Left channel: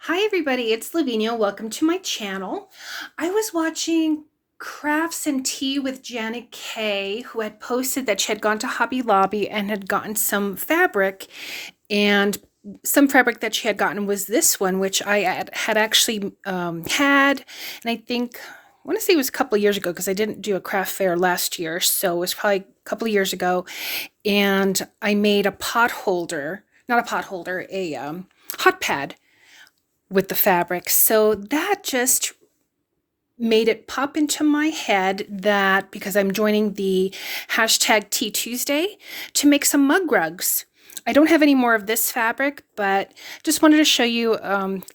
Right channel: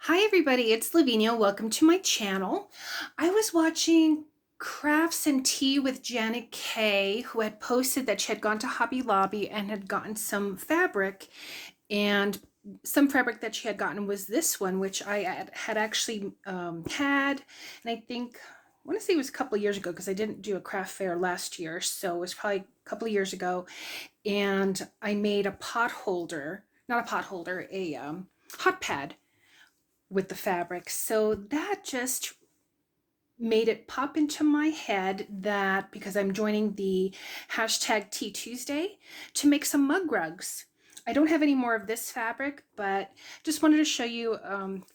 Hi everybody, it's Lavinia. Welcome to my channel. I was watching Crafts and Tea with Janet Kay, who had posted that she had gone to Hobby Lobby and had gotten some fabric, and some fabric that she had gotten was this one, which I had actually had, and I want to say it was a couple of years ago because I didn't do a craft fair last year, so it was probably a couple of years ago, and I made a pot holder, not a pot holder, a hot pad with the fabric. So that just made it pop into my head that because I'm joining the hashtag Tea Tuesday to make some mug rugs. I don't have any more of this fabric, but just wanted to show you,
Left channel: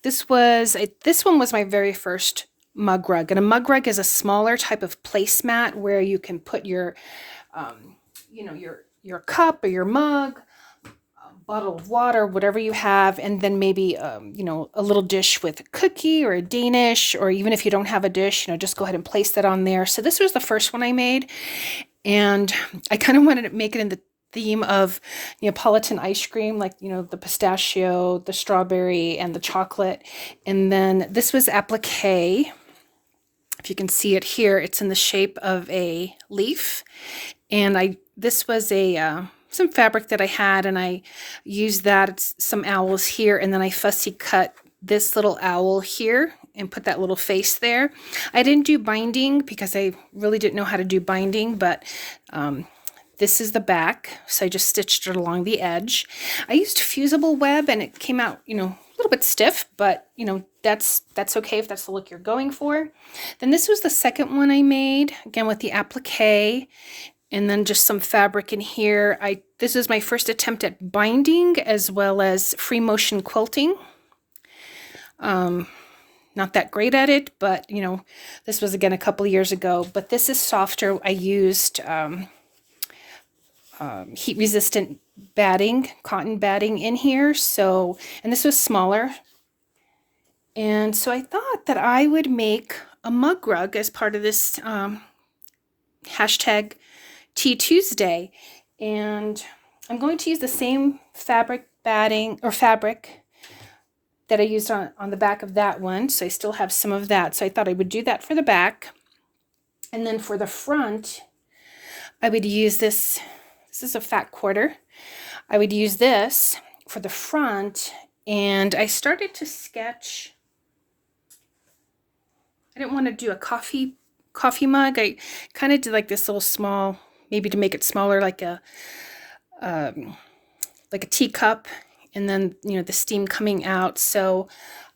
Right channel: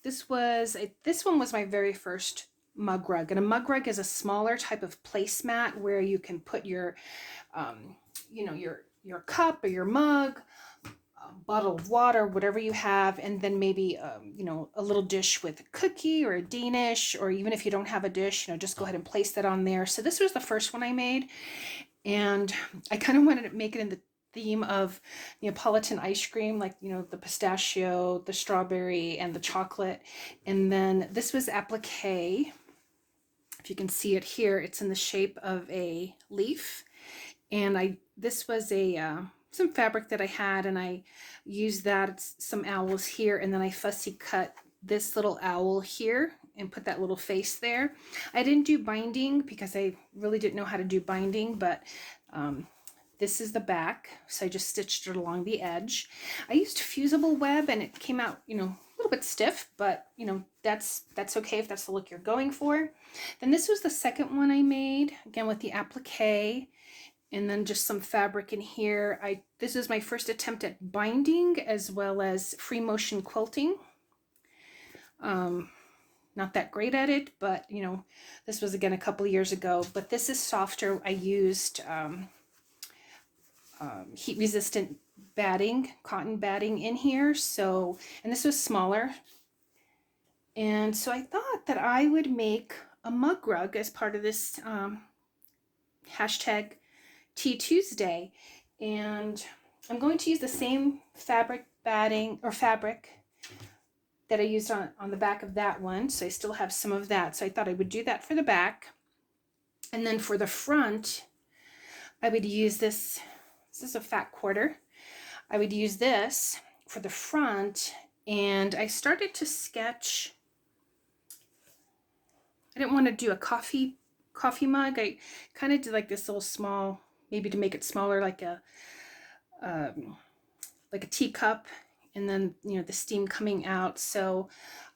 this one was my very first mug rug. And a mug rug is a smaller type of placemat where you can put your, your cup or your mug, bottle of water, whatever you have, and then maybe a little dish with a cookie or a Danish, or even if you don't have a dish, just go ahead and place that on there. So this was the first one I made, and I kind of wanted to make it in the theme of Neapolitan ice cream, like the pistachio, the strawberry, and the chocolate. And then this was applique. If you can see it here, it's in the shape of a leaf, and this was a some fabric that I had, and I used that. It's some owls here, and then I fussy cut this little owl here and put that little face there. I didn't do binding because I really didn't know how to do binding, but this is the back, so I just stitched it along the edge. I used fusible web, and it came out, a little bit stiff, but that's okay if that's the look you're going for. Then this was the second one I made, again with the applique, and then just some fabric in here. This is my first attempt at binding as well as free motion quilting. Not that great at it, but this was again a couple of years ago. But this is softer. I used heat resistant batting, cotton batting in here. So, and this was smaller. And so I thought that I would make a mug rug as part of this hashtag Tea Tuesday, and I'm going to use the same fabric batting or fabric that I used on the back of that one, so I still have some of that. So I thought I would do that for the back, and then for the front I would use this. This is a fat quarter. I would use this for the front, and I started to sketch. I didn't want to do a coffee mug. I kind of did like this little small, maybe to make it smaller, like a teacup, and then the steam coming out. So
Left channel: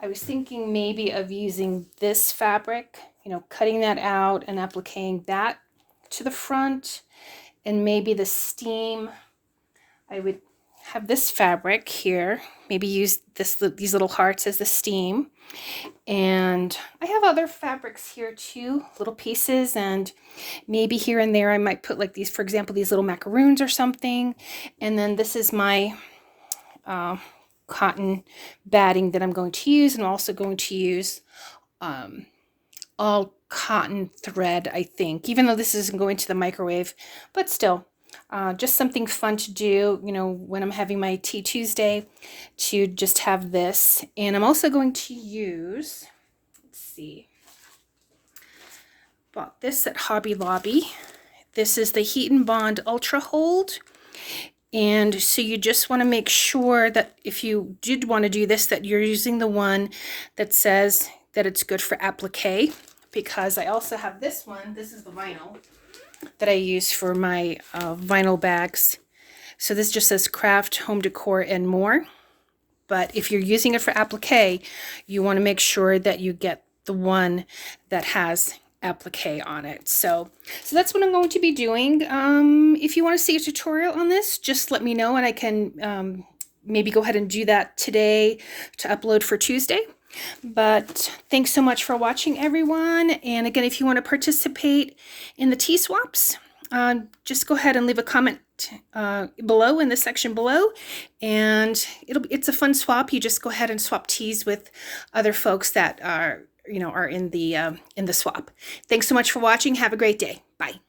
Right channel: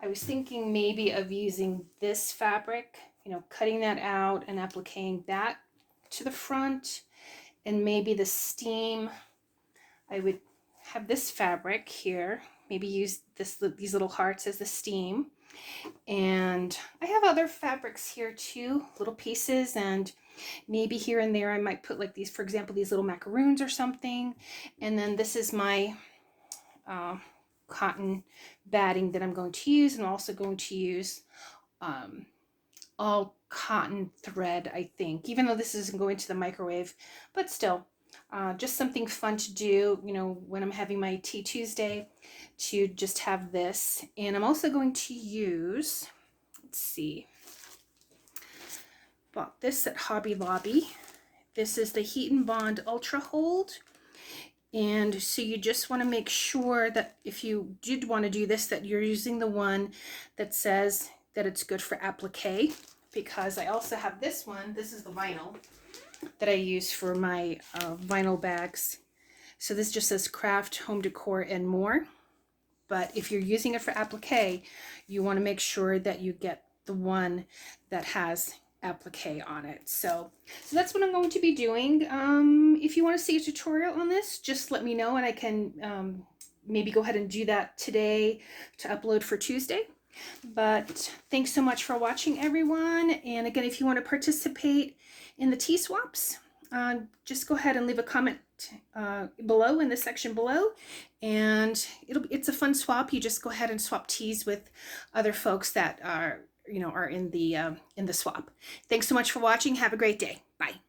I was thinking maybe of using this fabric, cutting that out and appliquing that to the front, and maybe the steam, I would have this fabric here, maybe use these little hearts as the steam. And I have other fabrics here too, little pieces, and maybe here and there I might put like these, for example, these little macaroons or something. And then this is my cotton batting that I'm going to use, and I'm also going to use all cotton thread, I think, even though this isn't going to the microwave, but still. Just something fun to do, when I'm having my Tea Tuesday, to just have this. And I'm also going to use, let's see, bought this at Hobby Lobby. This is the Heat and Bond Ultra Hold. And so you just want to make sure that if you did want to do this, that you're using the one that says that it's good for applique, because I also have this one. This is the vinyl that I use for my vinyl bags. So this just says craft, home decor, and more. But if you're using it for applique, you want to make sure that you get the one that has applique on it. So that's what I'm going to be doing. If you want to see a tutorial on this, just let me know, and I can maybe go ahead and do that today to upload for Tuesday. But thanks so much for watching, everyone. And again, if you want to participate in the tea swaps, just go ahead and leave a comment below in the section below, and it's a fun swap. You just go ahead and swap teas with other folks that are in the swap. Thanks so much for watching. Have a great day. Bye.